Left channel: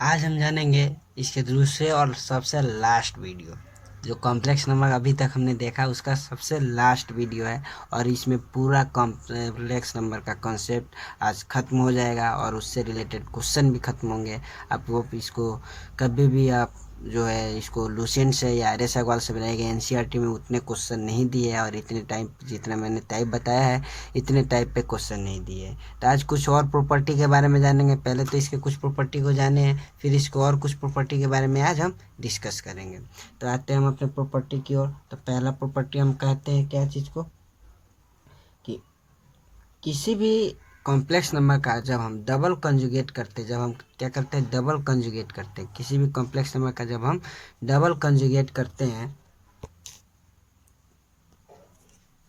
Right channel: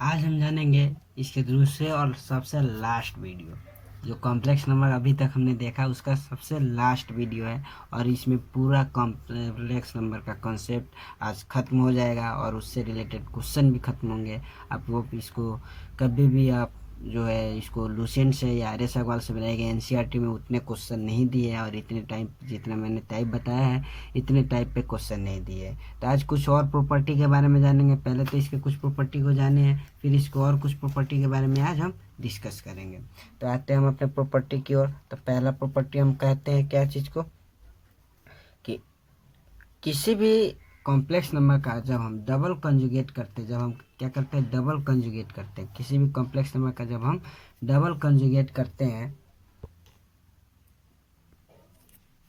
आज हम जानेंगे इसके दूसरे और सबसे लास्ट वीडियो। जो कॉम्प्लेक्स नंबर अभी तक हमने देखा उसका सबसे लास्ट वीडियो है और इसमें पूरा कॉम्प्लेक्स नंबर का कॉन्सेप्ट आज ख़त्म हो जाएगा और उससे रिलेटेड क्वेश्चन भी ख़त्म होंगे। आप वो इसको कभी भी आप जो है इसको लुसेंट से या आर एस अग्रवाल से बनाएंगे। एनसीईआरटी में उतने क्वेश्चन नहीं दिए हैं और इतने टाइम जितना मैंने टाइप बताया है इतने टाइप पे क्वेश्चन नहीं दिए। तो आज कुछ और प्रॉपर्टी के बारे में जानेंगे। पहले तो इसके कुछ प्रॉपर्टी को जाने हैं, फिर इसको और कुछ प्रॉपर्टी के बारे में आज हम डिस्कस करेंगे। तो आते हैं हम अपने प्रॉपर्टी की ओर। तो पहला प्रॉपर्टी हम कहते हैं क्या चीज़ को, कि किसी भी कॉम्प्लेक्स नंबर का जब हम डबल कंजुगेट करते हैं, जब हम क्या करते हैं डबल कंजुगेट करते हैं, किसी भी कॉम्प्लेक्स नंबर का जब हम डबल कंजुगेट करते हैं,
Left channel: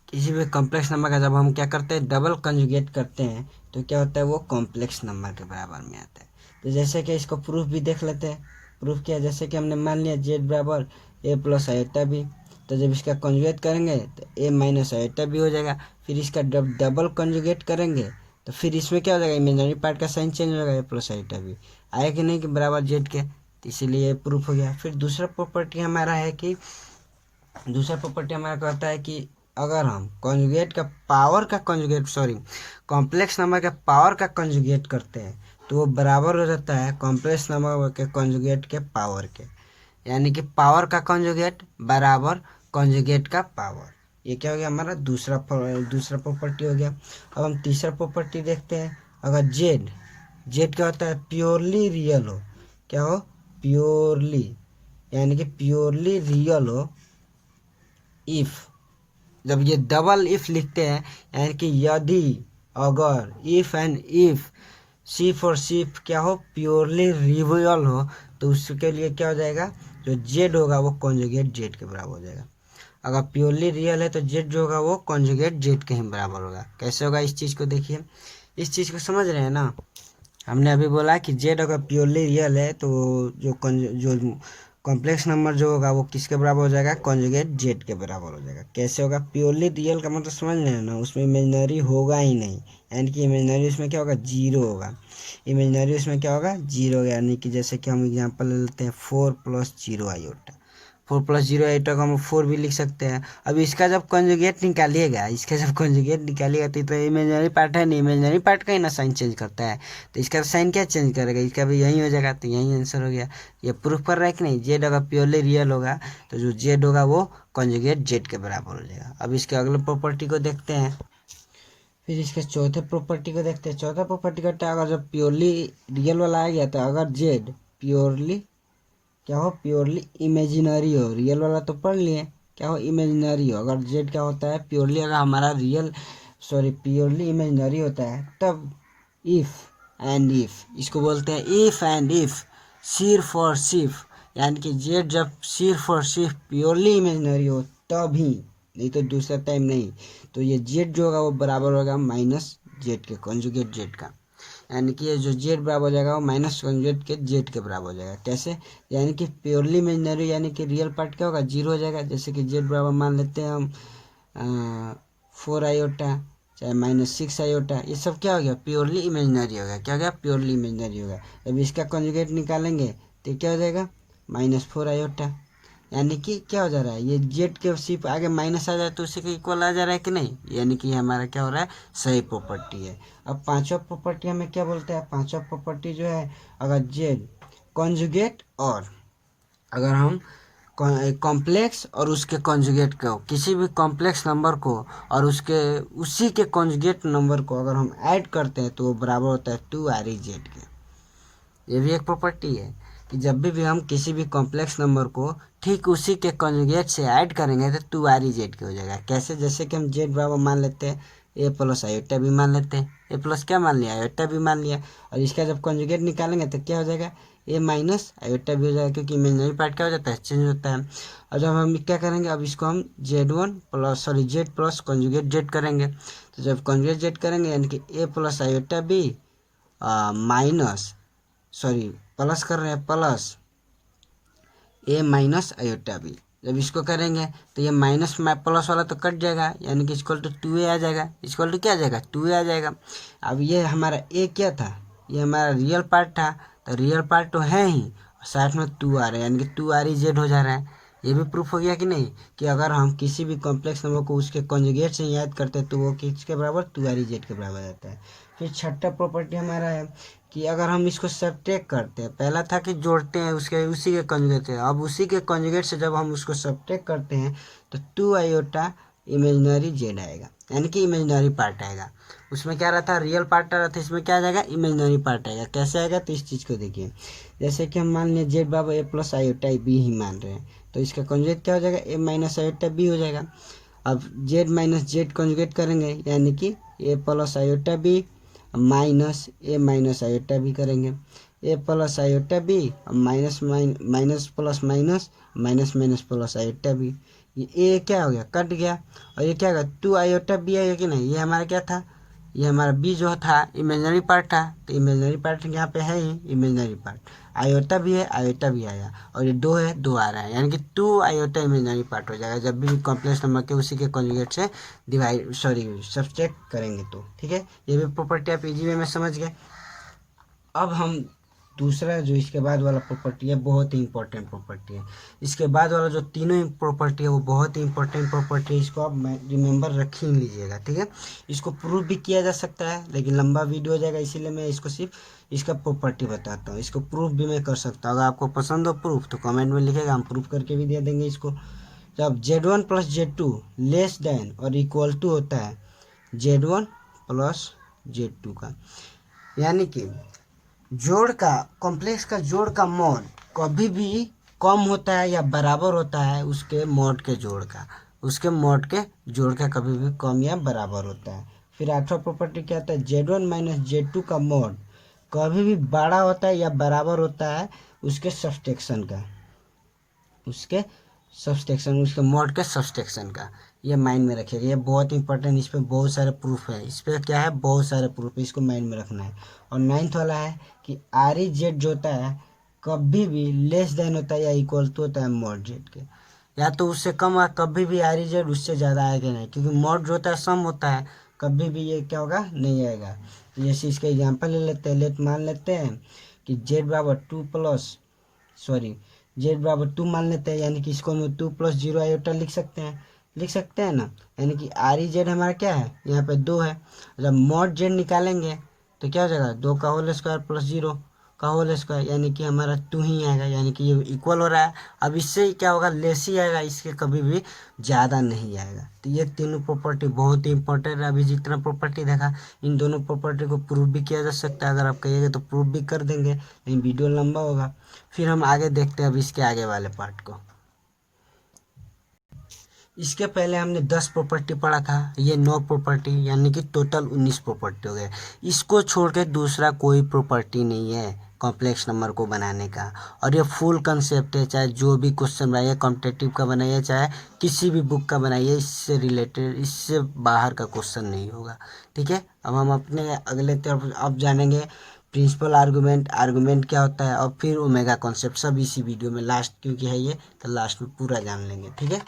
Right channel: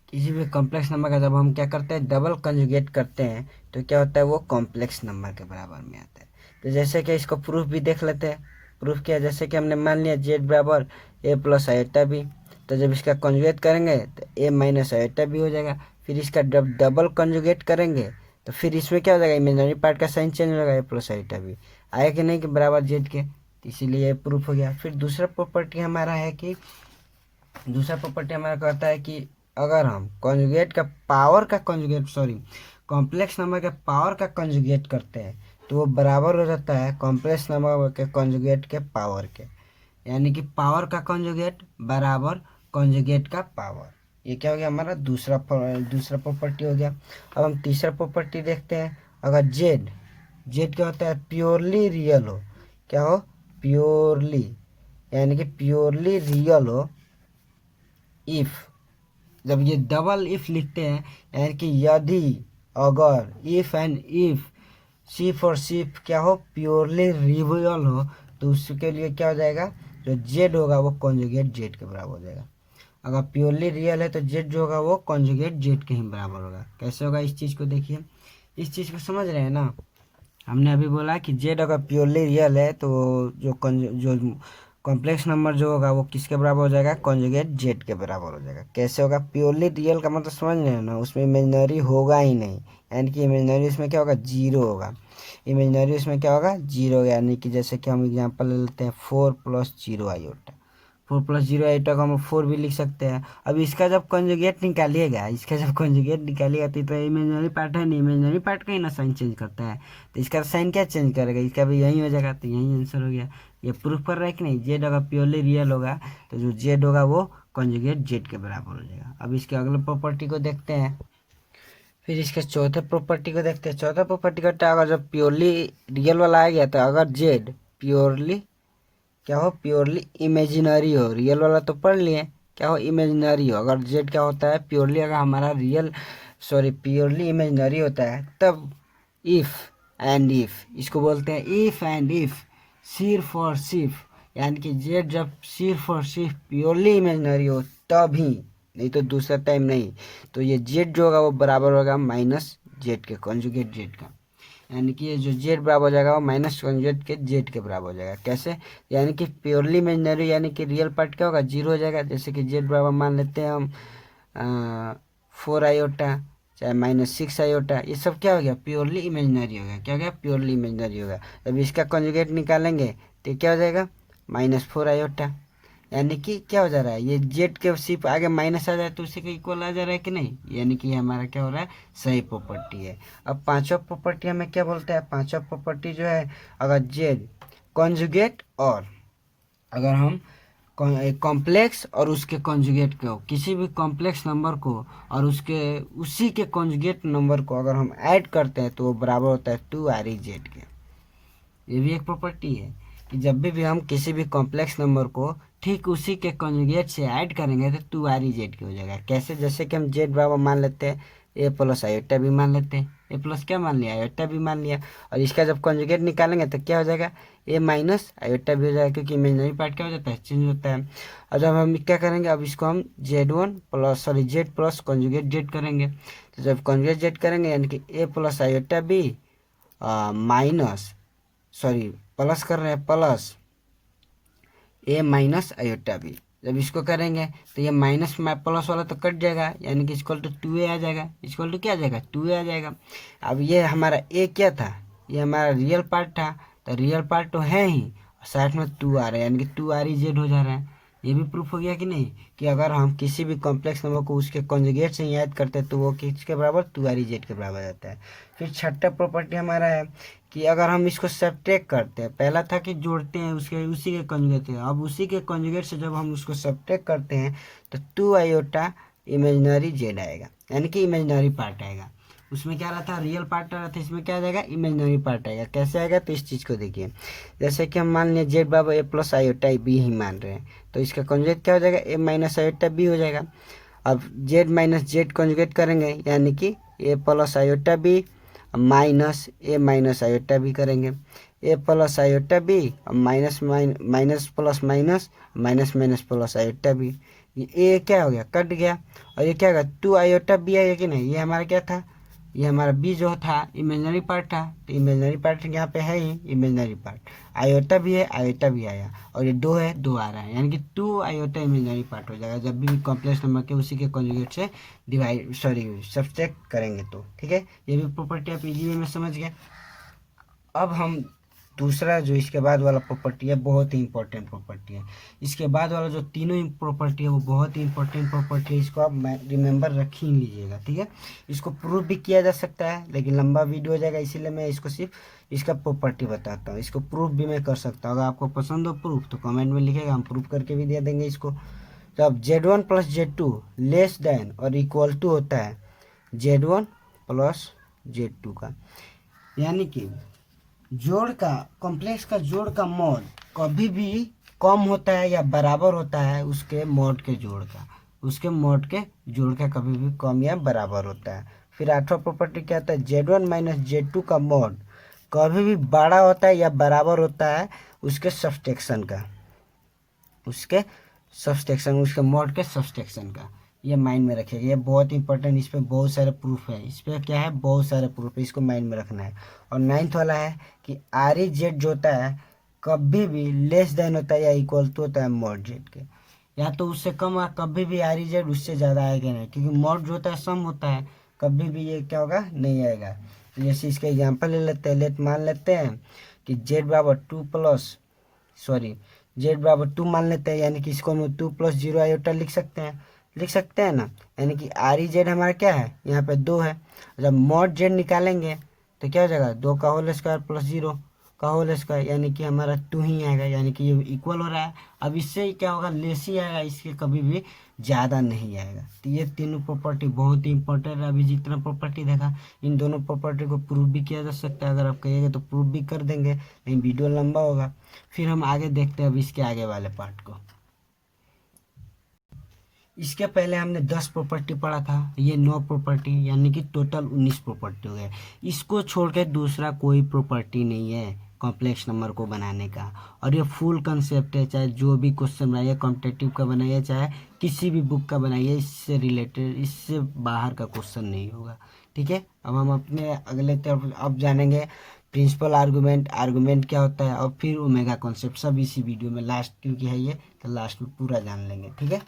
किसी भी कॉम्प्लेक्स नंबर का जब हम क्या करते हैं डबल कंजुगेट करते हैं तो क्या होता है वो कॉम्प्लेक्स नंबर के बराबर में आता है। तो जैसे कि इसको प्रूफ भी देख लेते हैं। प्रूफ क्या है, जैसे कि हमने मान लिया जेड बराबर ए प्लस आयोटा बी, तो जब इसका कंजुगेट करेंगे तो ए माइनस आयोटा बी हो जाएगा। फिर इसका जब डबल कंजुगेट करेंगे तो फिर इसमें क्या हो जाएगा, इमेजिनरी पार्ट का साइन चेंज हो जाएगा, ए प्लस आयोटा बी आया कि नहीं कि बराबर जेड के, तो इसीलिए प्रूफ हो गया। फिर दूसरा प्रॉपर्टी हमारा है कि दूसरा प्रॉपर्टी हमारा कहता है कि अगर हम कॉन्जुगेट का पावर का कॉन्जुगेट कॉम्प्लेक्स नंबर के पावर का कॉन्जुगेट करते हैं तो वो बराबर हो जाता है कॉम्प्लेक्स नंबर के कॉन्जुगेट के पावर के, यानी कि पावर का कॉन्जुगेट बराबर कॉन्जुगेट का पावर। ये क्या हो गया हमारा दूसरा प्रॉपर्टी हो गया। अब हम तीसरा प्रॉपर्टी देखते हैं। अगर जेड जेड क्या होता है प्योरली रियल हो, क्या हो प्योरली, यानी कि प्योरली रियल हो इफ, जब ये डबल इफ लिखते हैं यानी कि यदि अगर, इफ एंड इफ सिर्फ और सिर्फ क्या हो प्योरली रियल हो, तो उसके लिए क्या हो जाएगा जो जेड होगा वो कॉन्जुगेट जेड के बराबर हो जाएगा। अगर प्योरली रियल है तो जेड जो होगा वो कॉन्जुगेट जेड के ही बराबर होगा। कैसे होगा इस चीज़ को देखिए, इस चीज़ को समझ रहे हैं ना। हमने अभी बोला कि जेड अगर प्योरली रियल है तो जो कॉम्प्लेक्स नंबर जो होगा वो किसके बराबर हो जाएगा, कॉन्जुगेट जेड के बराबर हो जाएगा। कैसे होगा, प्योरली रियल का मतलब समझ रहे हैं ना, उसमें इमेजिनरी होगा ही नहीं, यानी कि इमेजिनरी उसमें क्या होगा जीरो होगा। इमेजिनरी उसमें क्या होगा जीरो होगा, यानी कि जैसे कि हम एग्जांपल ले लेते हैं 4+0 आयोटा। 4+0 आयोटा को हम 4 भी लिख सकते हैं। अब इसका जब कंजुगेट निकालिएगा, तो इमेजिनरी पार्ट है नहीं, इमेजिनरी पार्ट का ही ना साइन चेंज करता है, तो इसका साइन क्या चेंज करेगा, इसका भी यही हो जाएगा, तो यही आंसर हो गया। ये प्रूफ कर रहा है कि नहीं, जेड अगर प्योरली रियल होगा तो जो जेड होगा वो कंजुगेट जेड के बराबर हो जाएगा। अब इसके अगले प्रॉपर्टी को देखते हैं। फिर इसके चौथे प्रॉपर्टी को देखते हैं। चौथा प्रॉपर्टी करता है अगर जब प्योरली रियल वाला आ गया तो अगर जेड प्योरली क्या हो प्योरली इमेजिनरी हो, रियल वाला तो पढ़ लिए, क्या हो इमेजिनरी हो। अगर जेड क्या होता है प्योरली, अगर हमारा प्योरली इमेजिनरी होता है तब इफ एंड इफ, इसको बोलते हैं इफ एंड इफ, सिर्फ और सिर्फ, यानी कि जेड जब सिर्फ और सिर्फ प्योरली इमेजिनरी हो तभी, नहीं तो दूसरा टाइम नहीं, तो ये जेड जो होगा वो बराबर होगा माइनस जेड के कॉन्जुगेट जेड का, यानी कि ये जो जेड बराबर हो जाएगा वो माइनस कॉन्जुगेट के जेड के बराबर हो जाएगा। कैसे, यानी कि प्योरली इमेजिनरी यानी कि रियल पार्ट क्या होगा जीरो हो जाएगा। जैसे कि जेड बराबर मान लेते हैं हम 4 आयोटा चाहे -6 आयोटा, ये सब क्या हो गया प्योरली इमेजिनरी हो गया। क्या हो गया प्योरली इमेजिनरी हो गया। जब इसका कॉन्जुगेट निकालेंगे तो क्या हो जाएगा -4 आयोटा, यानी कि क्या हो जा रहा है ये जेड के सिर्फ आगे माइनस आ जाए तो उसी के इक्वल आ जा रहा है कि नहीं, यानी कि ये हमारा क्या हो रहा है सही प्रॉपर्टी है। अब पांचवा प्रॉपर्टी हमें क्या बोलते हैं, पांचवा प्रॉपर्टी जो है अगर जेड कॉन्जुगेट, और अगर हम कॉम्प्लेक्स और उसके कॉन्जुगेट को, किसी भी कॉम्प्लेक्स नंबर को और उसके उसी के कॉन्जुगेट नंबर को अगर हम ऐड करते हैं तो वो बराबर होता है 2RE के। ये भी एक प्रॉपर्टी है कि जब भी हम किसी भी कॉम्प्लेक्स नंबर को ठीक उसी के कॉन्जुगेट से ऐड करेंगे तो 2RE के हो जाएगा। कैसे, जैसे कि हम जेड बराबर मान लेते हैं ए प्लस आयोटा भी मान लेते हैं, ए प्लस क्या मान लिया आयोटा भी मान लिया, और इसका जब कॉन्जुगेट निकालेंगे तो क्या हो जाएगा ए माइनस आयोटा भी हो जाएगा, क्योंकि इमेजिनरी पार्ट क्या हो जाता है चेंज होता है। और जब हम क्या करेंगे, अब इसको हम जेड प्लस कॉन्जुगेट जेड करेंगे, तो जब कॉन्जुगेट जेड करेंगे यानी कि ए प्लस आयोटा भी माइनस प्लस कर रहे हैं प्लस ए माइनस आयोटा बी। जब इसको करेंगे तो ये माइनस प्लस वाला तो कट जाएगा, यानी कि इक्वल टू 2A आ जाएगा, इक्वल टू क्या आ जाएगा 2A आ जाएगा। अब ये हमारा ए क्या था, ये हमारा रियल पार्ट था, तो रियल पार्ट तो है ही, साथ में 2 आ रहा है, यानी कि 2 REZ हो जा रहा है। ये भी प्रूफ हो गया कि नहीं, कि अगर हम किसी भी कॉम्प्लेक्स नंबर को उसके कॉन्जुगेट से याद करते हैं तो वो किसके बराबर, 2 REZ के बराबर रहता है। फिर छठा प्रॉपर्टी हमारा है कि अगर हम इसको सब्ट्रैक्ट करते हैं, पहला था कि जोड़ते हैं उसके उसी के कॉन्जुगेट से, अब उसी के कॉन्जुगेट से जब हम उसको सब्ट्रैक्ट करते हैं तो 2 आयोटा इमेजिनरी जेड आएगा, यानी कि इमेजिनरी पार्ट आएगा। उसमें क्या रहा था, रियल पार्ट आ रहा था, इसमें क्या आ जाएगा, इमेजिनरी पार्ट आएगा। कैसे आएगा, तो इस चीज़ को देखिए, जैसे कि हम मान लिया जेड बराबर ए प्लस आयोटा बी ही मान रहे हैं, तो इसका कॉन्जुगेट क्या हो जाएगा, ए माइनस आयोटा बी हो जाएगा। अब जेड माइनस जेड कॉन्जुगेट करेंगे, यानी कि A plus iota B minus A minus iota B करेंगे, A plus iota B minus minus plus minus minus minus plus iota B. ये ए क्या हो गया, कट गया, और ये क्या होगा, 2 आयोटा बी आएगा कि नहीं, ये हमारा क्या था, ये हमारा बी जो था इमेजिनरी पार्ट था, तो इमेजिनरी पार्ट यहाँ पे है ही इमेजिनरी पार्ट, आयोटा भी है आयोटा भी आया, और ये 2 है 2 आ रहा है, यानी कि 2 आयोटा इमेजिनरी पार्ट हो जाएगा जब भी कॉम्प्लेक्स नंबर के उसी के कॉन्जुगेट से डिवाइड सब्ट्रैक्ट करेंगे तो। ठीक है, ये भी प्रॉपर्टी आप इजी वे में समझ गए। अब हम दूसरा जो इसके बाद वाला प्रॉपर्टी है, बहुत ही इंपॉर्टेंट प्रॉपर्टी है। इसके बाद वाला जो तीनों प्रॉपर्टी है वो बहुत ही इंपॉर्टेंट प्रॉपर्टी है, इसको आप रिमेंबर रख ही लीजिएगा। ठीक है, इसको प्रूफ भी किया जा सकता है, लेकिन लंबा वीडियो हो जाएगा, इसीलिए मैं इसको सिर्फ इसका प्रॉपर्टी बताता हूँ। इसको प्रूफ भी मैं कर सकता हूँ, अगर आपको पसंद हो प्रूफ तो कमेंट में लिखेगा, हम प्रूफ करके भी दे देंगे इसको। तो अब Z1 plus Z2 less than और इक्वल टू होता है Z1 प्लस Z2 का, यानी कि जोड़ का कॉम्प्लेक्स का जोड़ का मॉड कभी भी कम होता है या बराबर होता है उसके मॉड के जोड़ का, उसके मॉड के जोड़ का कभी भी कम या बराबर होता है। फिर आठवां प्रॉपर्टी क्या होता है, Z1 माइनस Z2 का मॉड कभी भी बड़ा होता है या बराबर होता है उसके सब्सट्रैक्शन का, उसके सब्सट्रैक्शन, उसके मॉड के सब्सट्रैक्शन का। ये माइंड में रखिएगा, ये बहुत इंपॉर्टेंट, इस पर बहुत सारे प्रूफ है, इस पर क्या है, बहुत सारे प्रूफ है, इसको माइंड में रखना है। और 9th वाला है कि REZ जो होता है कभी भी लेस देन होता है या इक्वल टू होता है मॉड जेड के, या तो उससे कम है, कभी भी REZ उससे ज़्यादा आएगा नहीं, क्योंकि मॉड जो होता है सम होता है, कभी भी ये क्या होगा, नहीं आएगा। तो जैसे इसका एग्जाम्पल ले लेते हैं, मान लेते हैं कि जेड बराबर 2 प्लस जेड बराबर 2 मान लेते हैं, यानी कि इसको हम 2 प्लस 0 आयोटा लिख सकते हैं ना, यानी कि REZ हमारा क्या है, यहाँ पे 2 है। जब मॉड जेड निकालेंगे तो क्या हो जाएगा, 2 का होल स्क्वायर प्लस 0 का होल स्क्वायर, यानी कि हमारा 2 ही आएगा, यानी कि ये इक्वल हो रहा है। अब इससे क्या होगा, लेस ही आएगा, इसके कभी भी ज़्यादा नहीं आएगा। तो ये तीनों प्रॉपर्टी बहुत ही इंपॉर्टेंट है। अभी जितना प्रॉपर्टी देखा, इन दोनों प्रॉपर्टी को प्रूफ भी किया जा सकता है, अगर आप कहिएगा तो प्रूफ भी कर देंगे, लेकिन वीडियो लंबा होगा। फिर हम आगे देखते हैं अब इसके आगे वाले पार्ट को। इसके पहले हमने 10 प्रॉपर्टी पढ़ा था, ये 9 प्रॉपर्टी, यानी कि टोटल 19 प्रॉपर्टी हो गए। इसको छोड़ के दूसरा कोई प्रॉपर्टी नहीं है कॉम्प्लेक्स नंबर को बनाने का, और ये फुल कंसेप्ट है, चाहे जो भी क्वेश्चन बनाइए, कॉम्पिटिटिव का बनाइए, चाहे किसी भी बुक का बनाइए, इससे रिलेटेड, इससे बाहर का क्वेश्चन नहीं होगा। ठीक है, अब हम अपने अगले तरफ अब जानेंगे प्रिंसिपल आर्गूमेंट, आर्गूमेंट क्या होता है, और फिर ओमेगा कॉन्सेप्ट, सब इसी वीडियो में लास्ट, क्योंकि है ये तो लास्ट में पूरा जान लेंगे। ठीक है,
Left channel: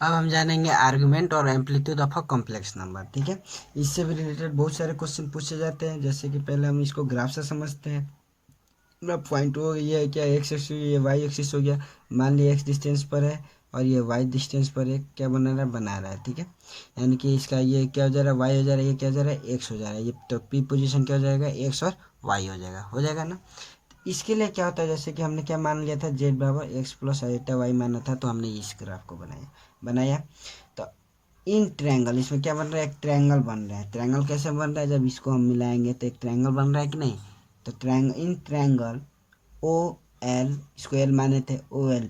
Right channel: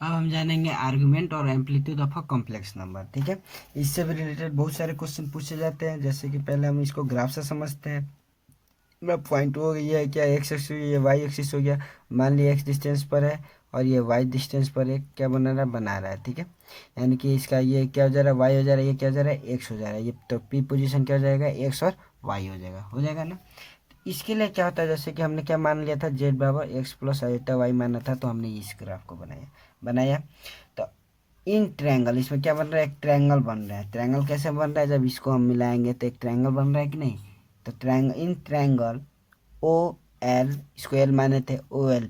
अब हम जानेंगे आर्गुमेंट और amplitude of a complex number. ठीक है, इससे भी रिलेटेड बहुत सारे क्वेश्चन पूछे जाते हैं, जैसे कि पहले हम इसको ग्राफ से समझते हैं। ग्राफ पॉइंट हो गया है, क्या एक्स एक्सिस, ये वाई एक्सिस हो गया, मान लिया एक्स डिस्टेंस पर है और ये वाई डिस्टेंस पर है, क्या बना रहा है। ठीक है, यानी कि इसका ये क्या हो जा रहा है, वाई हो जा रहा है, ये क्या हो जा रहा है, एक्स हो जा रहा है, ये तो पी पोजीशन क्या हो जाएगा, एक्स और वाई हो जाएगा ना। इसके लिए क्या होता है, जैसे कि हमने क्या मान लिया था, जेड बराबर एक्स प्लस आयोटा वाई माना था, तो हमने इस ग्राफ को बनाया। तो इन ट्रायंगल, इसमें क्या बन रहा है, एक ट्रायंगल बन रहा है। ट्रायंगल कैसे बन रहा है, जब इसको हम मिलाएंगे तो एक ट्रायंगल बन रहा है कि नहीं। तो इन ट्रायंगल ओ एल, इसको एल माने थे, ओ एल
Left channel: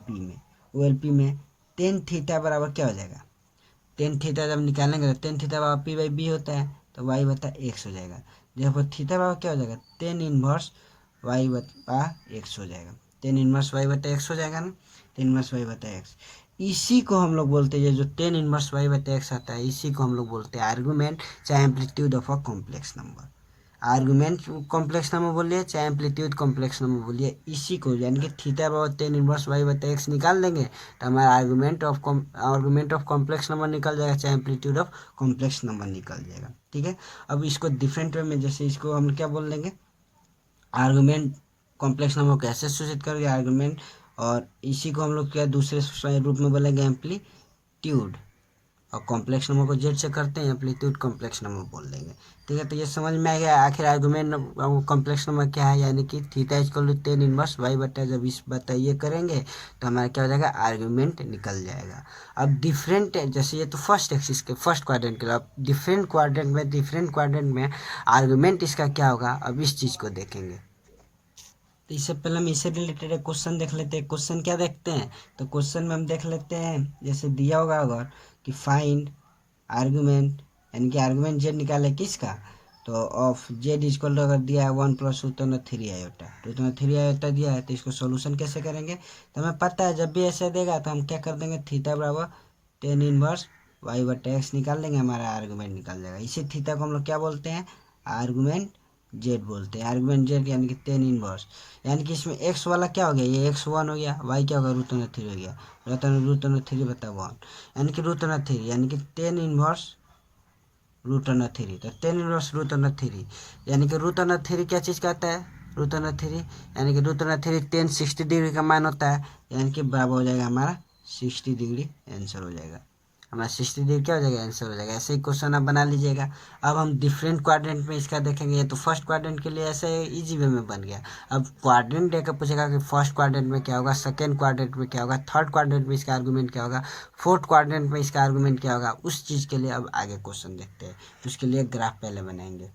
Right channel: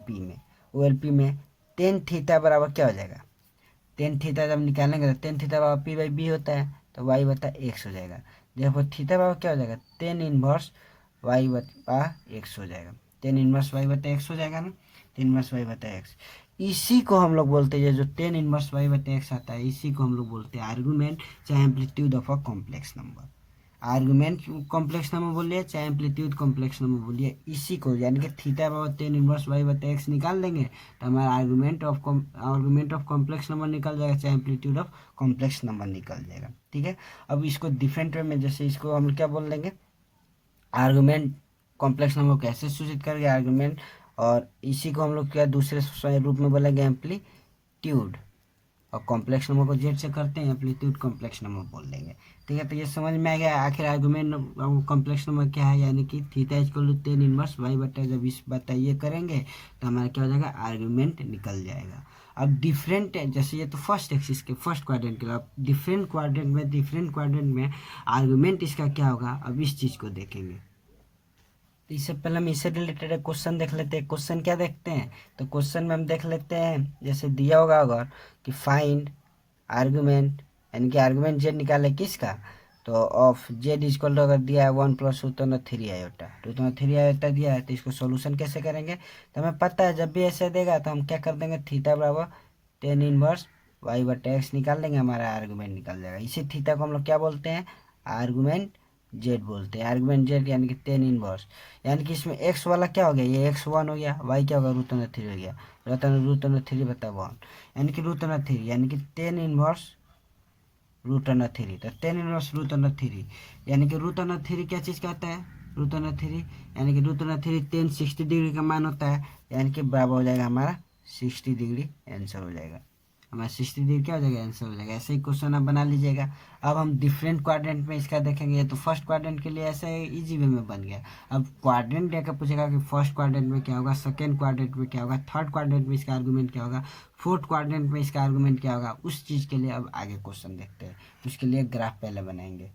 पी में टेन थीटा बराबर क्या हो जाएगा, टेन थीटा जब निकालेंगे तो टेन थीटा बराबर पी बाई बी होता है, तो वाई बता एक्स हो जाएगा। जब थीटा बराबर क्या हो जाएगा, टेन इनवर्स वाई बता एक्स हो जाएगा, टेन इनवर्स वाई बता एक्स हो जाएगा ना, टेन इनवर्स वाई बता एक्स। इसी को हम लोग बोलते हैं, जो टेन इनवर्स वाई बटा एक्स आता है, इसी को हम लोग बोलते हैं आर्गुमेंट, चाहे amplitude of a complex number. Argument complex number बोलिए, चाहे एम्पलीट्यूड कॉम्प्लेक्स नंबर बोलिए, इसी को, यानी कि थीटा बराबर टेन इनवर्स वाई बटा एक्स निकाल देंगे तो हमारा आर्गुमेंट ऑफ कॉम्प्लेक्स नंबर निकल जाएगा, चाहे एम्पलीट्यूड ऑफ कॉम्प्लेक्स नंबर निकल जाएगा। ठीक है, अब इसको डिफरेंट वे में, जैसे इसको हम क्या बोल देंगे, आर्गुमेंट कॉम्प्लेक्स नंबर को कैसे सूचित करेंगे आर्गुमेंट, और इसी को हम लोग क्या दूसरे रूप में बोलेंगे एम्पलीट्यूड, और कॉम्प्लेक्स नंबर को जेड से करते हैं एम्पलीट्यूड कॉम्प्लेक्स नंबर बोल देंगे। ठीक है, तो ये समझ में आ गया आखिर आर्गुमेंट कॉम्प्लेक्स नंबर क्या है, यानी कि theta equal to tan inverse Y बटा, जब इस बता ये करेंगे तो हमारा क्या हो जाएगा, आर्गुमेंट निकल जाएगा। अब डिफरेंट, जैसे ये तो फर्स्ट एक्सिस के फर्स्ट क्वाड्रेंट के लिए, अब डिफरेंट क्वाड्रेंट में आर्गुमेंट इसका क्या होगा, अब इस चीज़ को देखेंगे। तो इससे पहले हम इससे रिलेटेड एक क्वेश्चन देख लेते हैं। क्वेश्चन क्या देखते हैं, तो क्वेश्चन में हम देख लेते हैं, जैसे दिया होगा अगर कि फाइंड आर्गुमेंट, यानी कि आर्गुमेंट जेड निकाले किसका, तो ऑफ जेड इक्वल टू अगर दिया है 1+√3 आयोटा, तो 3 आयोटा दिया है, तो इसको सोल्यूशन कैसे करेंगे, तो हमें पता है जब भी ऐसे देगा तो हम क्या कर देंगे, थीटा बराबर टेन इनवर्स वाई बटे एक्स निकाल देंगे, हमारा आर्गुमेंट निकल जाएगा। इसी थीटा को हम लोग क्या बोलते हैं, आर्गुमेंट जेड बोलते हैं। आर्गुमेंट जेड यानी कि टेन इनवर्स, यानी कि इसमें एक्स वाला क्या हो गया, ये x1 हो गया, वाई क्या होगा √3 हो गया, √3 बता 1, यानी कि √3 यानी कि टेन इनवर्स √3, तो टेन इनवर्स √3 यानी कि √3 क्या चीज़ कहता है, √3 यानी कि √3 10 60 डिग्री का मान होता है, यानी कि बराबर हो जाएगा हमारा 60 डिग्री आंसर हो जाएगा, हमारा 60 डिग्री क्या हो जाएगा, आंसर हो जाएगा। ऐसे ही क्वेश्चन आप बना लीजिएगा। अब हम डिफरेंट क्वाड्रेंट में इसका देखेंगे, तो फर्स्ट क्वाड्रेंट के लिए ऐसे इजी वे में बन गया। अब क्वाड्रेंट देकर पूछेगा कि फर्स्ट क्वाड्रेंट में क्या होगा, सेकेंड क्वाड्रेंट में क्या होगा, थर्ड क्वाड्रेंट में इसका आर्गुमेंट क्या होगा, फोर्थ क्वाड्रेंट में इसका आर्गुमेंट क्या होगा, उस चीज़ के लिए अब आगे क्वेश्चन देखते हैं। तो उसके लिए ग्राफ पहले बनाएंगे।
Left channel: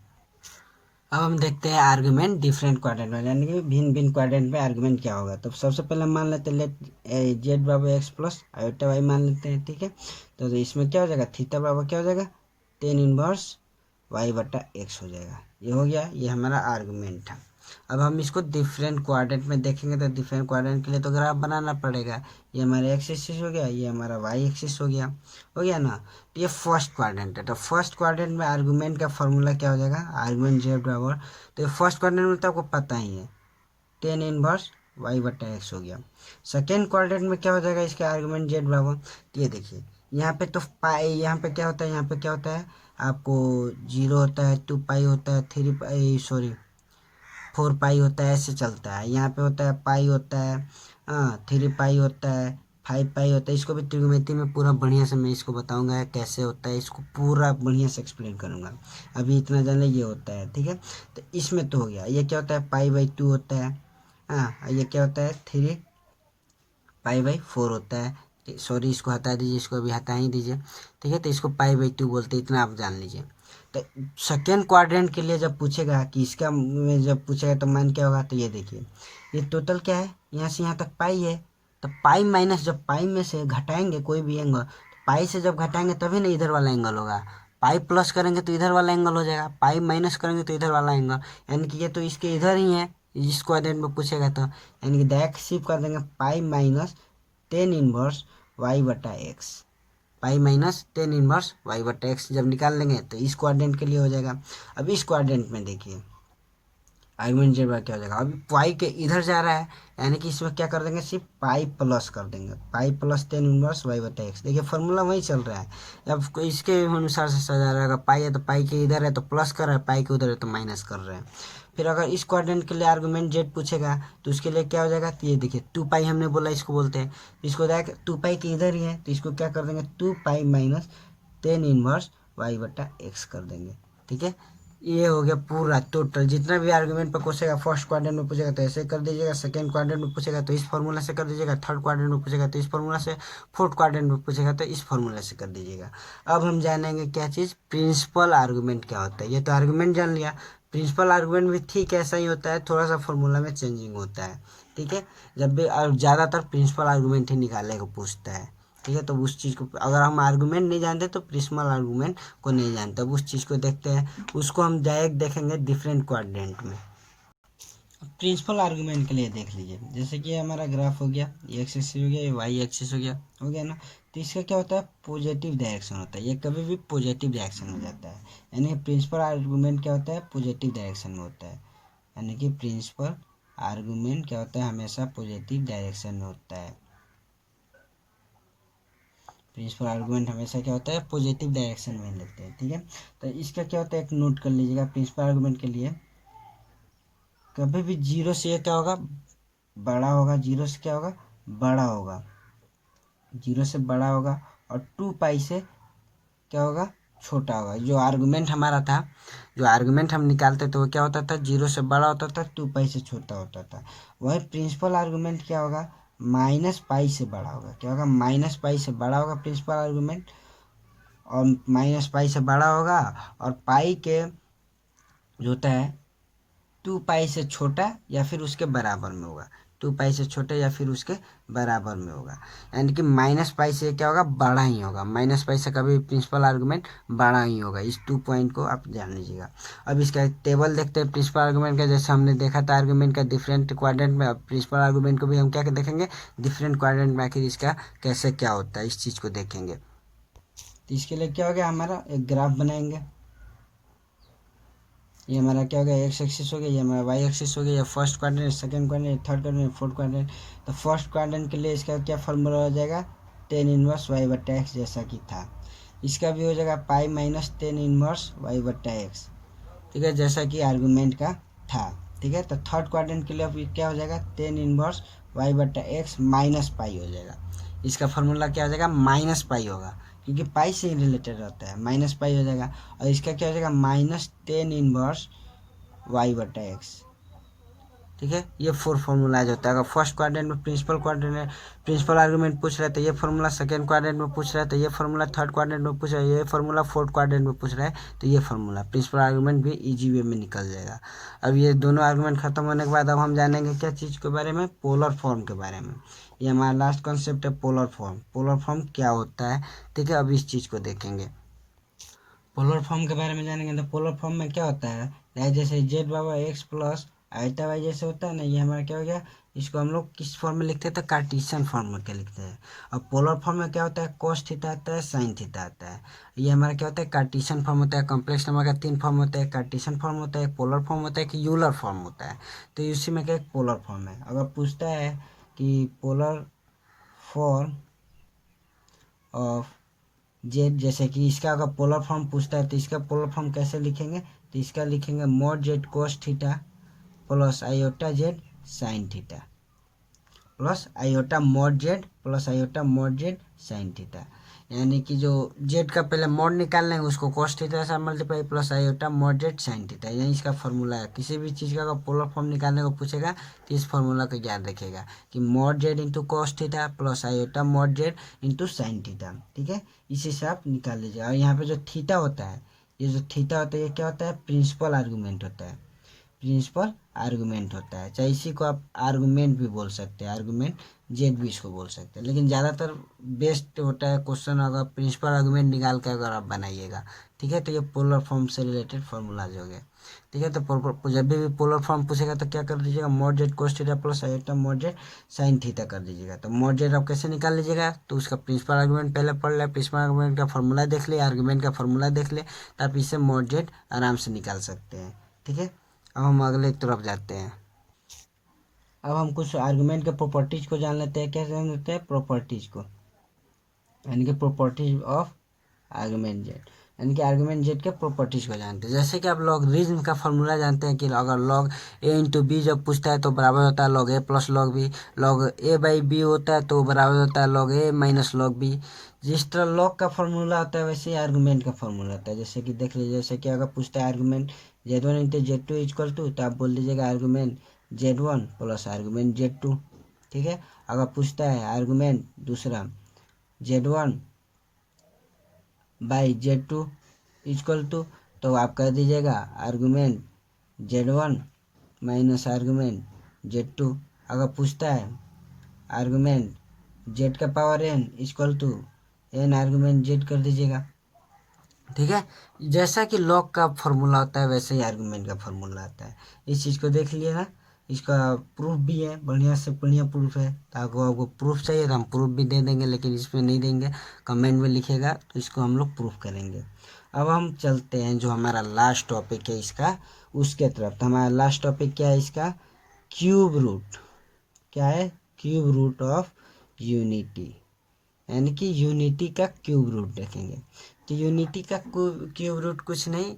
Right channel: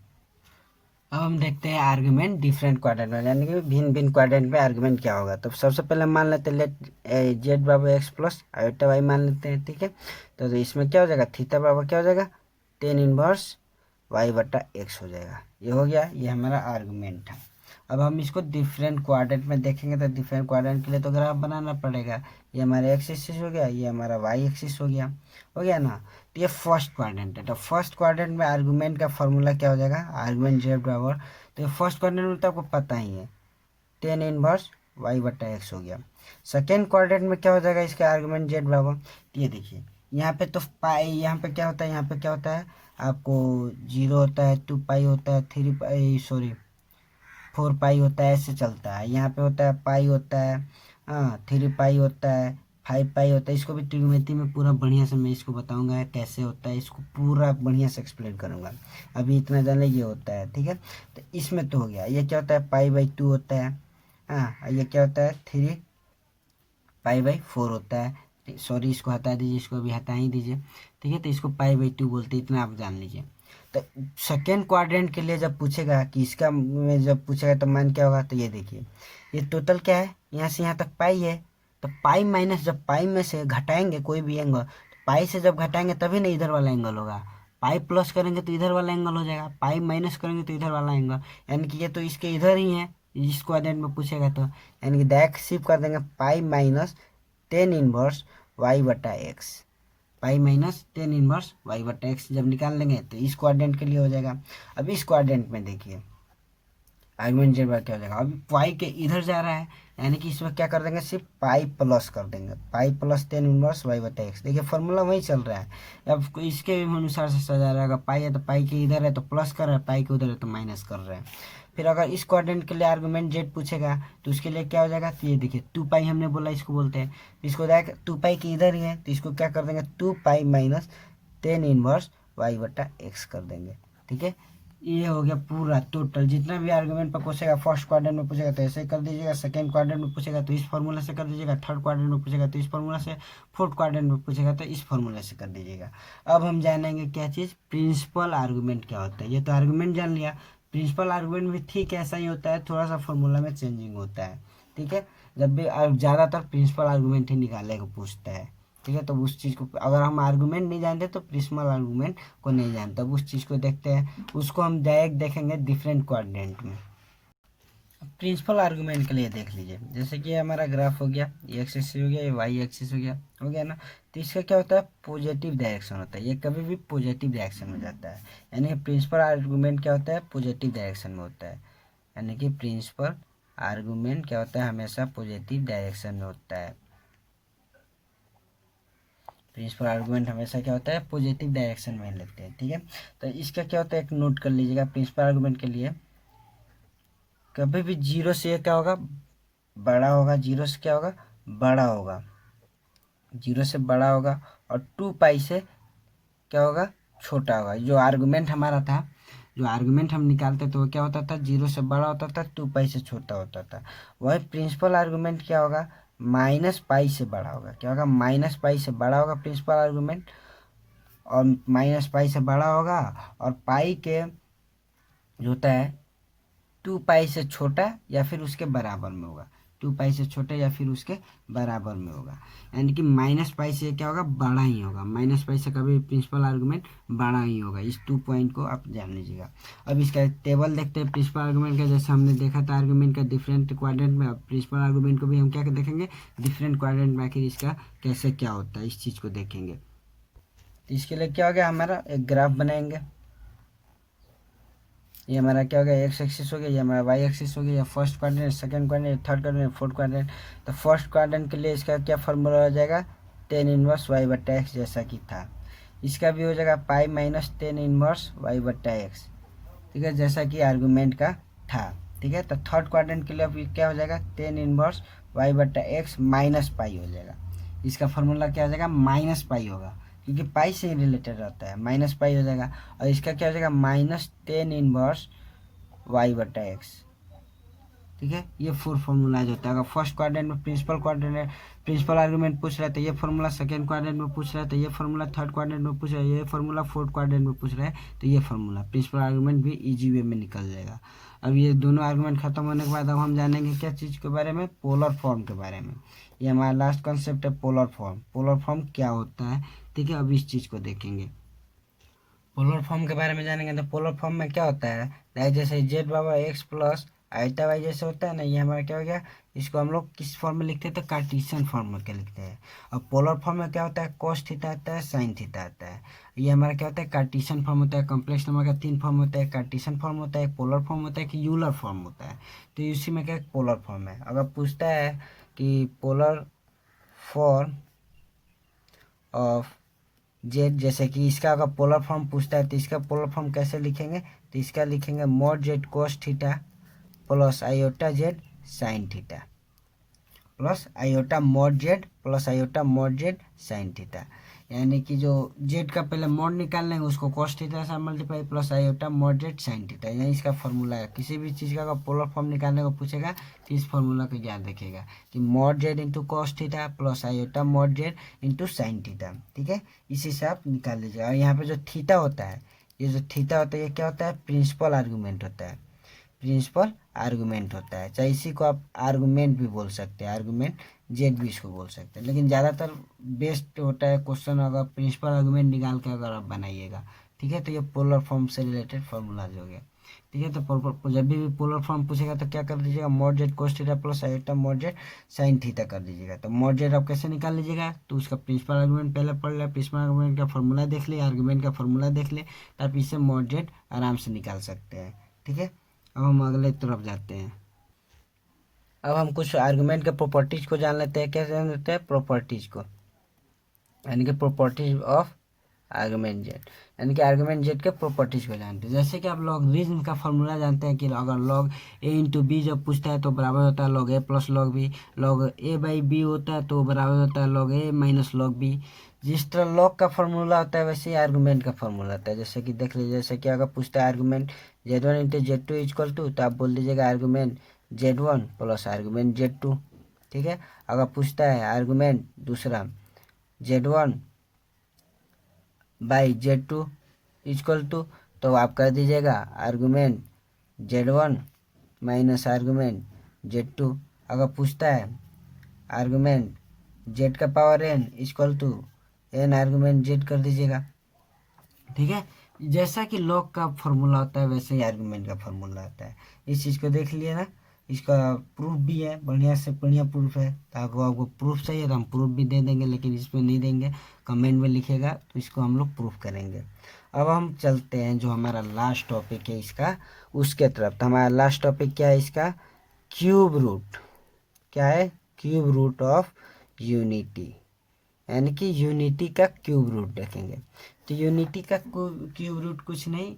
अब हम देखते हैं आर्गुमेंट डिफरेंट क्वाड्रेंट में, यानी कि भिन्न भिन्न क्वाड्रेंट में आर्गुमेंट क्या होगा। तो सबसे पहले मान लेते हैं लेट जेड बराबर एक्स प्लस आयोटा वाई मान लेते हैं। ठीक है, तो इसमें क्या हो जाएगा, थीटा बराबर क्या हो जाएगा, टेन इनवर्स वाई बटा एक्स हो जाएगा। ये हो गया, ये हमारा आर्गुमेंट है। अब हम इसको डिफरेंट क्वाड्रेंट में देखेंगे, तो डिफरेंट क्वाड्रेंट के लिए तो ग्राफ बनाना पड़ेगा। ये हमारा एक्स एक्सिस हो गया, ये हमारा वाई एक्सिस हो गया ना। तो ये फर्स्ट क्वाड्रेंट है, तो फर्स्ट क्वाड्रेंट में आर्गुमेंट का फॉर्मूला क्या हो जाएगा, आर्गुमेंट जेड बराबर, तो ये फर्स्ट क्वाड्रेंट में तो आपको पता ही है, टेन इनवर्स वाई बटा एक्स हो गया। सेकेंड क्वाड्रेंट में क्या हो जाएगा, इसका आर्गुमेंट जेड बराबर, तो ये देखिए यहाँ पे तो पाई, यहाँ पे क्या होता है, यहाँ पे क्या होता है आपको, 0 होता है, 2 पाई होता है, 3 पाई, सॉरी 4 पाई होता है, ऐसे चलता है। यहाँ पे होता है पाई होता है, हाँ 3 पाई होता है, 5 पाई होता है। इसको भी त्रिकोणमिति में पूरा बढ़िया से मैं इसको बताऊंगा कैसे होता है, इसको पूरा बढ़िया से एक्सप्लेन करूंगा। अभी इतना जाने ये होता है। ठीक है, तो इसमें तो हो गया, ये क्या होता है पाई/2 होता है, हाँ ये क्या होता है 3 पाई/4 होता है। सॉरी इसको हटा दीजिए, इसको अभी हटा ही दीजिए। ठीक है, तो इसको पाई/2 बोलते हैं, इतना आप जान लीजिए। तो सेकेंड क्वाड्रेंट के लिए जब पूछेगा कि इसका में जब पूछेगा तो मान क्या होगा, तो ये देखिए ये टोटल क्या है, यहाँ से यहाँ तक पाई है, तो पाई माइनस, जब पाई में से घटाएंगे कोई भी एंगल, तो पाई से जब घटाएंगे तभी ना इधर वाला एंगल होगा, पाई प्लस करेंगे तो इधर वाला एंगल हो जाएगा, पाई माइनस करेंगे तो इधर वाला एंगल, यानी कि ये तो इसके इधर ही है, इस क्वाड्रेंट में पूछेगा तो, यानी कि डायरेक्ट शिफ्ट कर देंगे pi minus ten inverse Y बटा X, pi minus ten inverse Y बटा एक्स जब निकाल लेंगे तो इस क्वाड्रेंट के लिए हो जाएगा। अब इस क्वाड्रेंट में देखिए आर्गुमेंट जेड क्या हो जाएगा, अभी पाई के इधर जा रहा है, यानी कि इसमें क्या कर देंगे, सिर्फ पाई प्लस कर देंगे, pi plus tan inverse Y बटा एक्स। देखिए फॉर्मूला वही चल रहा है, अब इसके अनुसार से सजा रहेगा, पाई है तो पाई के इधर है तो प्लस कर रहा है, पाई के उधर है तो माइनस कर रहे हैं। फिर अगर इस क्वाड्रेंट के लिए आर्गुमेंट जेड पूछेगा तो उसके लिए क्या हो जाएगा, तो ये देखिए 2 पाई हमने बोला इसको बोलते हैं, इसको जाएगा 2 पाई के इधर ही है तो इसको क्या कर देंगे 2 pi minus ten inverse Y बटा एक्स कर देंगे। ठीक है, ये हो गया पूरा टोटल, जितना भी आर्गुमेंट पर पूछेगा, फर्स्ट क्वाड्रेंट में पूछेगा तो ऐसे कर दीजिएगा, सेकंड क्वाड्रेंट में पूछेगा तो इस फॉर्मूला से कर दीजिएगा, थर्ड क्वाड्रेंट में पूछेगा तो इस फॉर्मूला से, फोर्थ क्वाड्रेंट में पूछेगा तो इस फॉर्मूला से कर दीजिएगा। अब हम जानेंगे क्या चीज़, प्रिंसिपल आर्गुमेंट क्या होता है। ये तो आर्गुमेंट जान लिया, प्रिंसिपल आर्गुमेंट भी ठीक ऐसा ही होता है, थोड़ा सा फॉर्मूला में चेंजिंग होता है। ठीक है, जब भी ज़्यादातर प्रिंसिपल आर्गुमेंट ही निकालने को पूछता है। ठीक है, तो उस चीज़ को अगर हम आर्गुमेंट नहीं जानते तो प्रिंसिपल आर्गुमेंट को नहीं जानते, अब उस चीज़ को देखते हैं, उसको हम डायरेक्ट देखेंगे डिफरेंट क्वाड्रेंट में। प्रिंसिपल आर्गुमेंट के लिए देख लीजिए, जैसे कि हमारा ग्राफ हो गया, ये एक्स एक्सिस हो गया, ये वाई एक्सिस हो गया ना। तो इसका क्या होता है, पॉजिटिव डायरेक्शन होता है, ये कभी भी पॉजिटिव डायरेक्शन हो जाता है, यानी कि प्रिंसिपल आर्गुमेंट क्या होता है, पॉजिटिव डायरेक्शन में होता है, यानी कि प्रिंसिपल आर्गुमेंट क्या होता है, हमेशा पॉजिटिव डायरेक्शन में होता है। प्रिंसिपल आर्गुमेंट हमेशा क्या होता है, पॉजिटिव डायरेक्शन में लिखते हैं। ठीक है, तो इसका क्या होता है, एक नोट कर लीजिएगा प्रिंसिपल आर्गुमेंट के लिए, कभी भी जीरो से ये क्या होगा, बड़ा होगा, जीरो से क्या होगा, बड़ा होगा, जीरो से बड़ा होगा, और 2 पाई से क्या होगा, छोटा होगा। जो आर्गुमेंट हमारा था, जो आर्गुमेंट हम निकालते थे वो क्या होता था, जीरो से बड़ा होता था, 2 पाई से छोटा होता था। वही प्रिंसिपल आर्गुमेंट क्या होगा, -पाई से बड़ा होगा। क्या होगा, -पाई से बड़ा होगा प्रिंसिपल आर्गुमेंट, और -पाई से बड़ा होगा, और पाई के जो होता है 2 पाई से छोटा या फिर उसके बराबर में होगा, 2 पाई से छोटा या फिर उसके बराबर में होगा। यानी कि -पाई से क्या होगा, बड़ा ही होगा। -पाई से कभी प्रिंसिपल आर्गुमेंट बड़ा ही होगा। इस 2 पॉइंट को आप जान लीजिएगा। अब इसका टेबल देखते हैं प्रिंसिपल आर्गुमेंट का। जैसे हमने देखा था आर्गुमेंट का डिफरेंट क्वाड्रेंट में, अब प्रिंसिपल आर्गुमेंट को भी हम क्या देखेंगे, डिफरेंट क्वाड्रेंट में आखिर इसका कैसे क्या होता है, इस चीज़ को देखेंगे। तो इसके लिए क्या हो गया, हमारा एक ग्राफ बनाएंगे। ये हमारा क्या हो गया, एक्स एक्सिस हो गया, ये हमारा वाई एक्सिस हो गया, या first quadrant, second quadrant, third quadrant, fourth quadrant. तो फर्स्ट क्वाड्रेंट के लिए इसका क्या फॉर्मूला हो जाएगा, tan इनवर्स वाई बट्टा एक्स, जैसा कि था। इसका भी हो जाएगा pi minus tan inverse y बट्टा एक्स, ठीक है, जैसा कि आर्गूमेंट का था। ठीक है, तो थर्ड क्वाड्रेंट के लिए अभी क्या हो जाएगा, tan इनवर्स वाई बट्टा एक्स माइनस पाई हो जाएगा। इसका फॉर्मूला क्या हो जाएगा, -पाई होगा, क्योंकि पाई से ही रिलेटेड रहता है, -पाई हो जाएगा। और इसका क्या हो जाएगा, -tan इनवर्स वाई बटा एक्स। ठीक है, ये 4 फॉर्मूलाज होता है। अगर फर्स्ट क्वाड्रेंट में प्रिंसिपल आर्गुमेंट पूछ रहा है तो ये फॉर्मूला, सेकंड क्वाड्रेंट में पूछ रहा है तो ये फॉर्मूला, थर्ड क्वाड्रेंट में पूछ रहा है ये फॉर्मूला, फोर्थ क्वाड्रेंट में पूछ रहा है तो ये फॉर्मूला। प्रिंसिपल आर्गुमेंट भी इजी वे में निकल जाएगा। अब ये दोनों आर्गुमेंट खत्म होने के बाद अब हम जानेंगे क्या चीज़ के बारे में, पोलर फॉर्म के बारे में। ये हमारा लास्ट कॉन्सेप्ट है, पोलर फॉर्म। पोलर फॉर्म क्या होता है, ठीक है, अब इस चीज़ को देखेंगे। पोलर फॉर्म के बारे में जानेंगे तो पोलर फॉर्म में क्या होता है, जैसे जेड बाबा एक्स प्लस आइटा वाई जैसे होता है ना, ये हमारा क्या हो गया, इसको हम लोग किस फॉर्म में लिखते हैं, तो कार्टेशियन फॉर्म में क्या लिखते हैं। और पोलर फॉर्म में क्या होता है, कॉस थीटा आता है, साइन थीटा आता है। ये हमारा क्या होता है, कार्टेशियन फॉर्म होता है। कॉम्प्लेक्स नंबर का 3 फॉर्म होता है, कार्टेशियन फॉर्म होता है, पोलर फॉर्म होता है, कि यूलर फॉर्म होता है। तो इसी में क्या, एक पोलर फॉर्म है। अगर पूछता है कि पोलर फॉर्म ऑफ जेड, जैसे कि इसका अगर पोलर फॉर्म पूछता है तो इसका पोलर फॉर्म कैसे लिखेंगे, तो इसका लिखेंगे mod Z cos theta plus iota Z sine theta, plus iota mod Z plus iota mod Z sine theta. यानी कि जो जेड का पहले मॉड निकाल लेंगे उसको कोस थीटा से multiply plus iota mod Z sine theta, यही इसका फॉर्मूला है। किसी भी चीज़ का अगर पोलर फॉर्म निकालने को पूछेगा तो इस फॉर्मूला को याद रखेगा कि mod Z into cos theta plus iota mod Z into sine theta. ठीक है, इसी से आप निकाल लीजिए। और यहाँ पे जो थीटा होता है, ये जो थीटा होता है ये क्या होता है, प्रिंसिपल आर्गूमेंट होता है। प्रिंसिपल आर्गुमेंट होता है, चाहे इसी को आप आर्गुमेंट भी बोल सकते हैं, आर्गुमेंट जेड भी इसको बोल सकते हैं, लेकिन ज़्यादातर बेस्ट होता है क्वेश्चन अगर प्रिंसिपल आर्गुमेंट निकाल कर अगर आप बनाइएगा। ठीक है, तो ये पोलर फॉर्म से रिलेटेड फॉर्मूलाज हो गए। ठीक है, तो जब भी पोलर फॉर्म पूछेगा तो क्या कर दीजिएगा, mod Z cos theta plus iota mod Z sine theta कर दीजिएगा। तो मॉड जेड आप कैसे निकाल लीजिएगा, तो उसका प्रिंसिपल आर्गुमेंट पहले पढ़ ले, प्रिंसिपल आर्गुमेंट का फॉर्मूला देख ले, आर्गुमेंट का फॉर्मूला देख ले, तो आप इससे मॉड जेड आराम से निकाल सकते हैं। ठीक है, अब हम अगले तरफ जाते हैं। अब हम कुछ आर्गुमेंट के प्रॉपर्टीज को जान लेते हैं। कैसे जान लेते हैं, प्रॉपर्टीज को, यानी कि प्रॉपर्टीज ऑफ आर्गुमेंट जेड, यानी कि आर्गुमेंट जेड के प्रॉपर्टीज को जानते हैं। जैसे कि आप लॉगरिथम का फॉर्मूला जानते हैं कि अगर लॉग ए इंटू बी जब पूछता है तो बराबर होता है log a plus log b. Log a by b होता है तो बराबर होता है log a minus log b. जिस तरह लॉग का फॉर्मूला होता है वैसे ही आर्गुमेंट का फॉर्मूला होता है। जैसे कि देख लीजिए, जैसे कि अगर पूछता है argument Z1 into Z2 equal to, तो आप बोल दीजिएगा argument Z1 plus argument Z2। ठीक है, अगर पूछता है आर्गुमेंट दूसरा Z1 by Z2 equal to, तो आप कर दीजिएगा argument Z1 minus argument Z2। अगर पूछता है आर्गुमेंट Z का power n equal to n argument Z कर दीजिएगा। ठीक है, जैसा कि लॉग का फॉर्मूला होता है वैसे ही आर्गुमेंट का फॉर्मूला आता है। इस चीज़ को देख लिए ना, इसका प्रूफ भी है, बढ़िया से बढ़िया प्रूफ है। तो आपको प्रूफ चाहिए तो हम प्रूफ भी दे देंगे, लेकिन इसमें नहीं देंगे, कमेंट में लिखेगा तो इसको हम लोग प्रूफ करेंगे। अब हम चलते हैं जो हमारा लास्ट टॉपिक है इसका, उसके तरफ। तो हमारा लास्ट टॉपिक क्या है इसका, क्यूब रूट। क्या है, क्यूब रूट ऑफ यूनिटी, यानी कि यूनिटी का क्यूब रूट देखेंगे। तो यूनिटी का क्यूब रूट कुछ नहीं,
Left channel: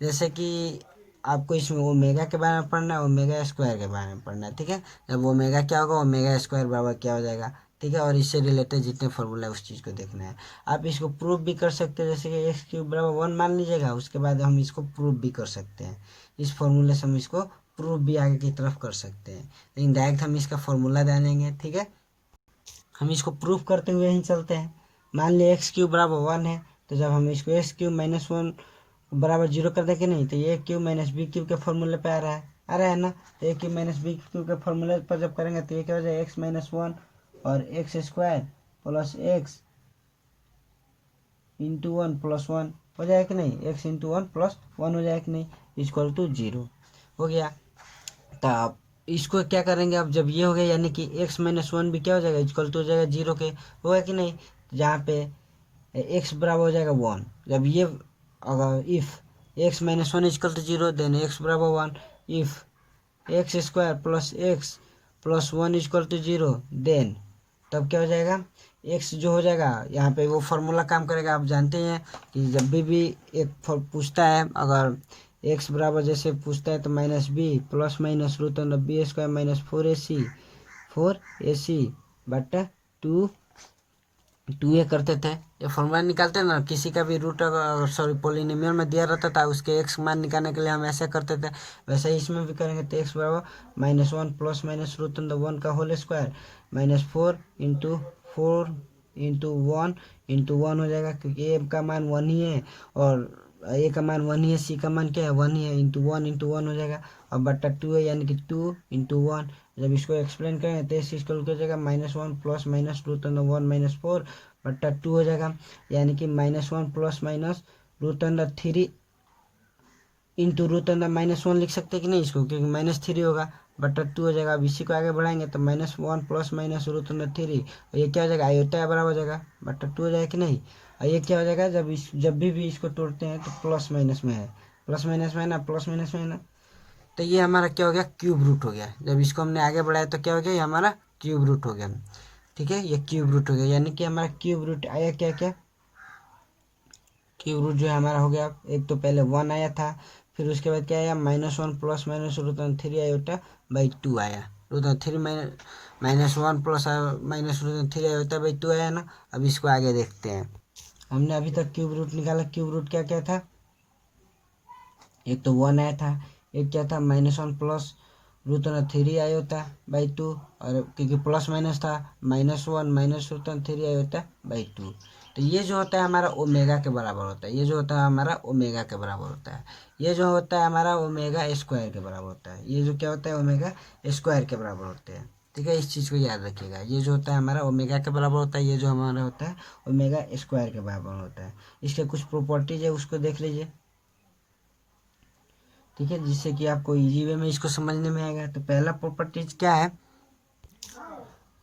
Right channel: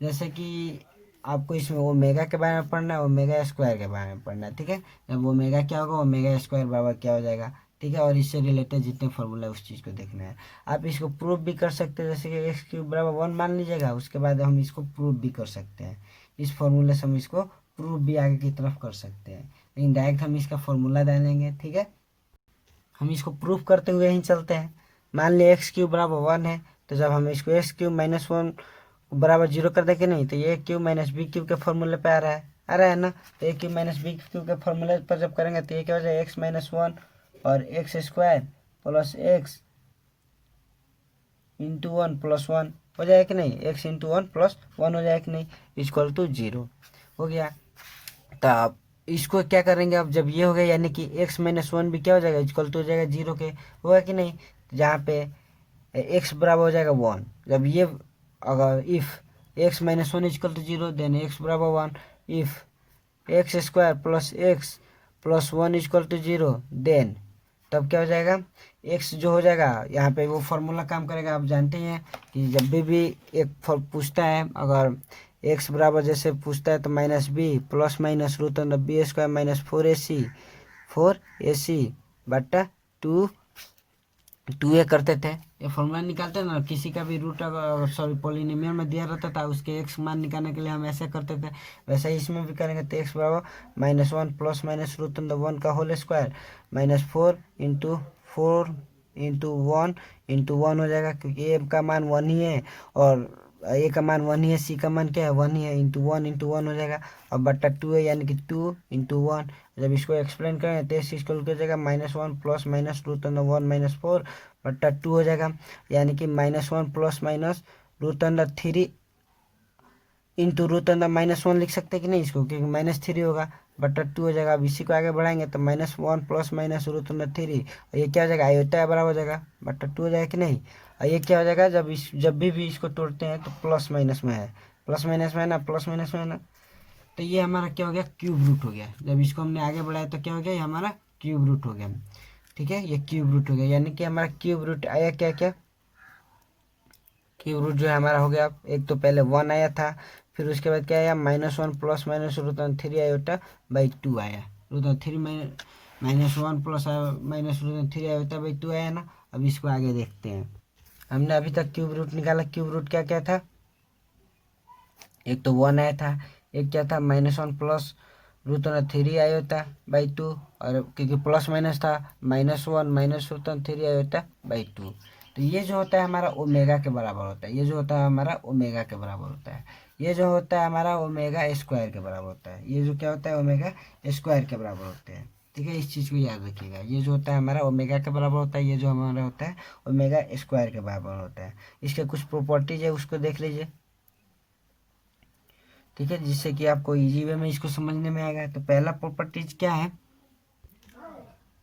जैसे कि आपको इसमें ओमेगा के बारे में पढ़ना है, ओमेगा स्क्वायर के बारे में पढ़ना है। ठीक है, जब ओमेगा क्या होगा, ओमेगा स्क्वायर बराबर क्या हो जाएगा। ठीक है, और इससे रिलेटेड जितने फॉर्मूला है उस चीज़ को देखना है। आप इसको प्रूफ भी कर सकते हैं, जैसे कि एक्स क्यूब बराबर 1 मान लीजिएगा, उसके बाद हम इसको प्रूफ भी कर सकते हैं। इस फॉर्मूले से हम इसको प्रूफ भी आगे की तरफ कर सकते हैं, लेकिन डायरेक्ट हम इसका फॉर्मूला डालेंगे। ठीक है, हम इसको प्रूफ करते हुए ही चलते हैं। मान लिया एक्स क्यूब बराबर 1 है, तो जब हम इसको एक्स क्यूब माइनस 1 बराबर 0 कर देंगे नहीं, तो ए क्यूब माइनस बी क्यूब के फॉर्मूले पे आ रहा है ना। तो ए क्यूब माइनस बी क्यूब के फॉर्मूले पर जब करेंगे तो ये क्या हो जाएगा, एक्स माइनस 1 और x square plus x into 1 plus 1 हो जाएगा कि नहीं, एक्स इंटू 1 प्लस 1 हो जाएगा कि नहीं, इक्वल टू 0 हो गया। तो आप इसको क्या करेंगे, अब जब ये हो गया यानी कि एक्स माइनस 1 भी क्या हो जाएगा, इक्वल टू हो जाएगा 0 के, होगा कि नहीं। जहाँ पे एक्स बराबर हो जाएगा 1, जब ये अगर if x minus 1 equal to 0 then x बराबर 1, if x square plus 1 equal to 0 then तब क्या हो जाएगा, एक्स जो हो जाएगा यहाँ पे वो फार्मूला काम करेगा। आप जानते हैं कि जब भी एक पूछता है, अगर एक्स बराबर जैसे पूछता है तो minus b plus minus root under b square minus 4ac बटा 2a करते थे। ये फॉर्मूला निकालते हैं ना, किसी का भी रूट अगर सॉरी पॉलिनोमियल में दिया रहता था, उसके एक्स मान निकालने के लिए हम ऐसा करते थे, वैसे ही इसमें भी करेंगे। तो एक्स बराबर -1 प्लस माइनस रूट अंडर 1 का होल स्क्वायर -4 इंटू 1 इंटू 1 हो जाएगा, क्योंकि ए का मान 1 ही है और ए का मान 1 ही है, सी का मान क्या है 1 ही है, इंटू 1 हो जाएगा। अब बट्टा 2 है यानी कि 2 इंटू 1। जब इसको एक्सप्लेन करें तो इसको क्या हो जाएगा, -1 plus minus root under 1 minus 4 बट्टा 2 हो जाएगा, यानी कि -1 plus minus root under 3 into root under -1 लिख सकते हैं कि नहीं इसको, क्योंकि -3 होगा, बट्टा 2 हो जाएगा। अब इसी को आगे बढ़ाएंगे तो -1 प्लस माइनस रूट अंडर 3, और ये क्या हो जाएगा, आयोटा बराबर हो जाएगा, बट्टा 2 हो जाएगा कि नहीं। और ये क्या हो जाएगा, जब भी इसको तोड़ते हैं तो प्लस माइनस में है, प्लस माइनस में है ना, प्लस माइनस में है ना। तो ये हमारा क्या हो गया, क्यूब रूट हो गया। जब इसको हमने आगे बढ़ाया तो क्या हो गया, ये हमारा क्यूब रूट हो गया। ठीक है, ये क्यूब रूट हो गया, यानी कि हमारा क्यूब रूट आया क्या क्या, क्यूब रूट जो है हमारा हो गया, एक तो पहले 1 आया था, फिर उसके बाद क्या आया, -1 plus minus root 3 iota by 2 आया, रूट 3 -1 plus minus root 3 iota by 2 आया ना। अब इसको आगे देखते हैं। हमने अभी तक क्यूब रूट निकाला, क्यूब रूट क्या क्या था, एक तो 1 आया था, एक क्या था -1 प्लस रूट 3 आयोटा बाई 2, और क्योंकि प्लस माइनस था -1 माइनस रूट 3 आयोटा बाई 2। तो ये जो होता है हमारा ओमेगा के बराबर होता है, ये जो होता है हमारा ओमेगा के बराबर होता है, ये जो होता है हमारा ओमेगा स्क्वायर के बराबर होता है, ये जो क्या होता है ओमेगा स्क्वायर के बराबर होते हैं। ठीक है, इस चीज़ को याद रखिएगा, ये जो होता है हमारा ओमेगा के बराबर होता है, ये जो हमारा होता है ओमेगा स्क्वायर के बराबर होता है। इसके कुछ प्रॉपर्टीज है उसको देख लीजिए। ठीक है, जिससे कि आपको इजी वे में इसको समझने में आएगा। तो पहला प्रॉपर्टीज क्या है,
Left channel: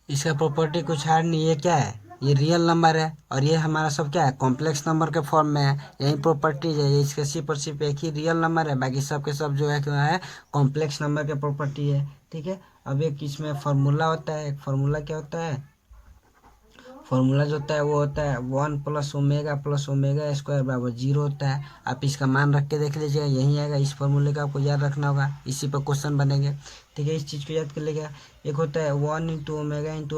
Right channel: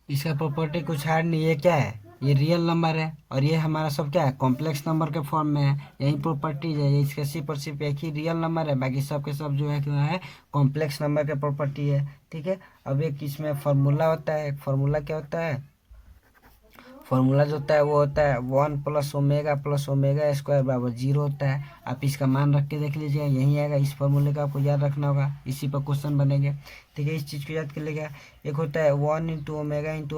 इसका प्रॉपर्टी कुछ हार्ड नहीं है, क्या है, ये रियल नंबर है और ये हमारा सब क्या है, कॉम्प्लेक्स नंबर के फॉर्म में है, यही प्रॉपर्टीज है। ये इसके सिर्फ एक ही रियल नंबर है, बाकी सब के सब जो है क्या है, कॉम्प्लेक्स नंबर के प्रॉपर्टी है। ठीक है, अब एक इसमें फार्मूला होता है, एक फार्मूला क्या होता है, फॉर्मूला जो होता है वो होता है 1 प्लस ओमेगा स्क्वायर बराबर 0 होता है। आप इसका मान रख के देख लीजिएगा, यही आएगा। इस फॉर्मूले का आपको याद रखना होगा, इसी पर क्वेश्चन बनेंगे। ठीक है, इस चीज़ को याद कर लीजिएगा। एक होता है 1 इंटू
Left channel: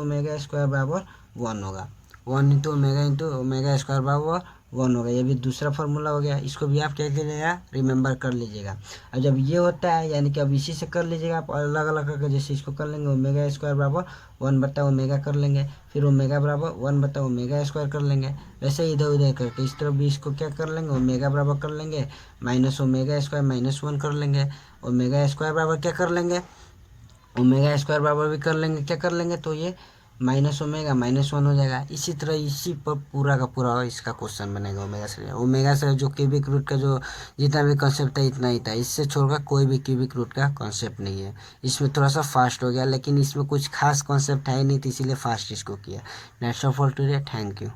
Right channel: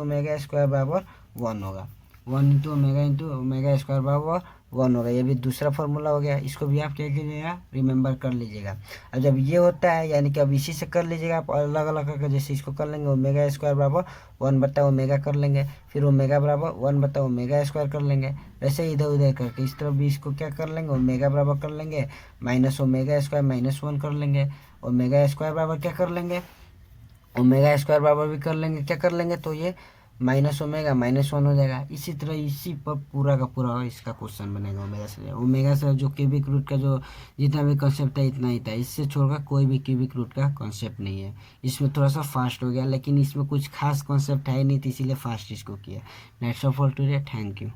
ओमेगा स्क्वायर बराबर 1 होगा, 1 इंटू ओमेगा स्क्वायर बराबर 1 होगा। ये भी दूसरा फार्मूला हो गया, इसको भी आप क्या कीजिएगा, रिमेंबर कर लीजिएगा। अब जब ये होता है यानी कि अब इसी से कर लीजिएगा आप अलग अलग करके, जैसे इसको कर लेंगे ओमेगा स्क्वायर बराबर 1 बटा ओमेगा कर लेंगे, फिर ओमेगा बराबर 1 बटा ओमेगा स्क्वायर कर लेंगे। वैसे इधर उधर करके इस तरफ भी इसको क्या कर लेंगे, ओमेगा बराबर कर लेंगे, माइनस ओमेगा स्क्वायर -1 कर लेंगे, ओमेगा स्क्वायर बराबर क्या कर लेंगे, ओमेगा स्क्वायर बराबर भी कर लेंगे, क्या कर लेंगे, तो ये माइनस ओमेगा -1 हो जाएगा। इसी तरह इसी पर पूरा का पूरा इसका क्वेश्चन बनेगा। ओमेगा से जो क्यूबिक रूट का जो जितना भी कॉन्सेप्ट है इतना ही था, इससे छोड़कर कोई भी क्यूबिक रूट का कॉन्सेप्ट नहीं है। इसमें थोड़ा सा फास्ट हो गया, लेकिन इसमें कुछ खास कॉन्सेप्ट है नहीं, तो इसीलिए फास्ट इसको किया। Nets of all today, thank you.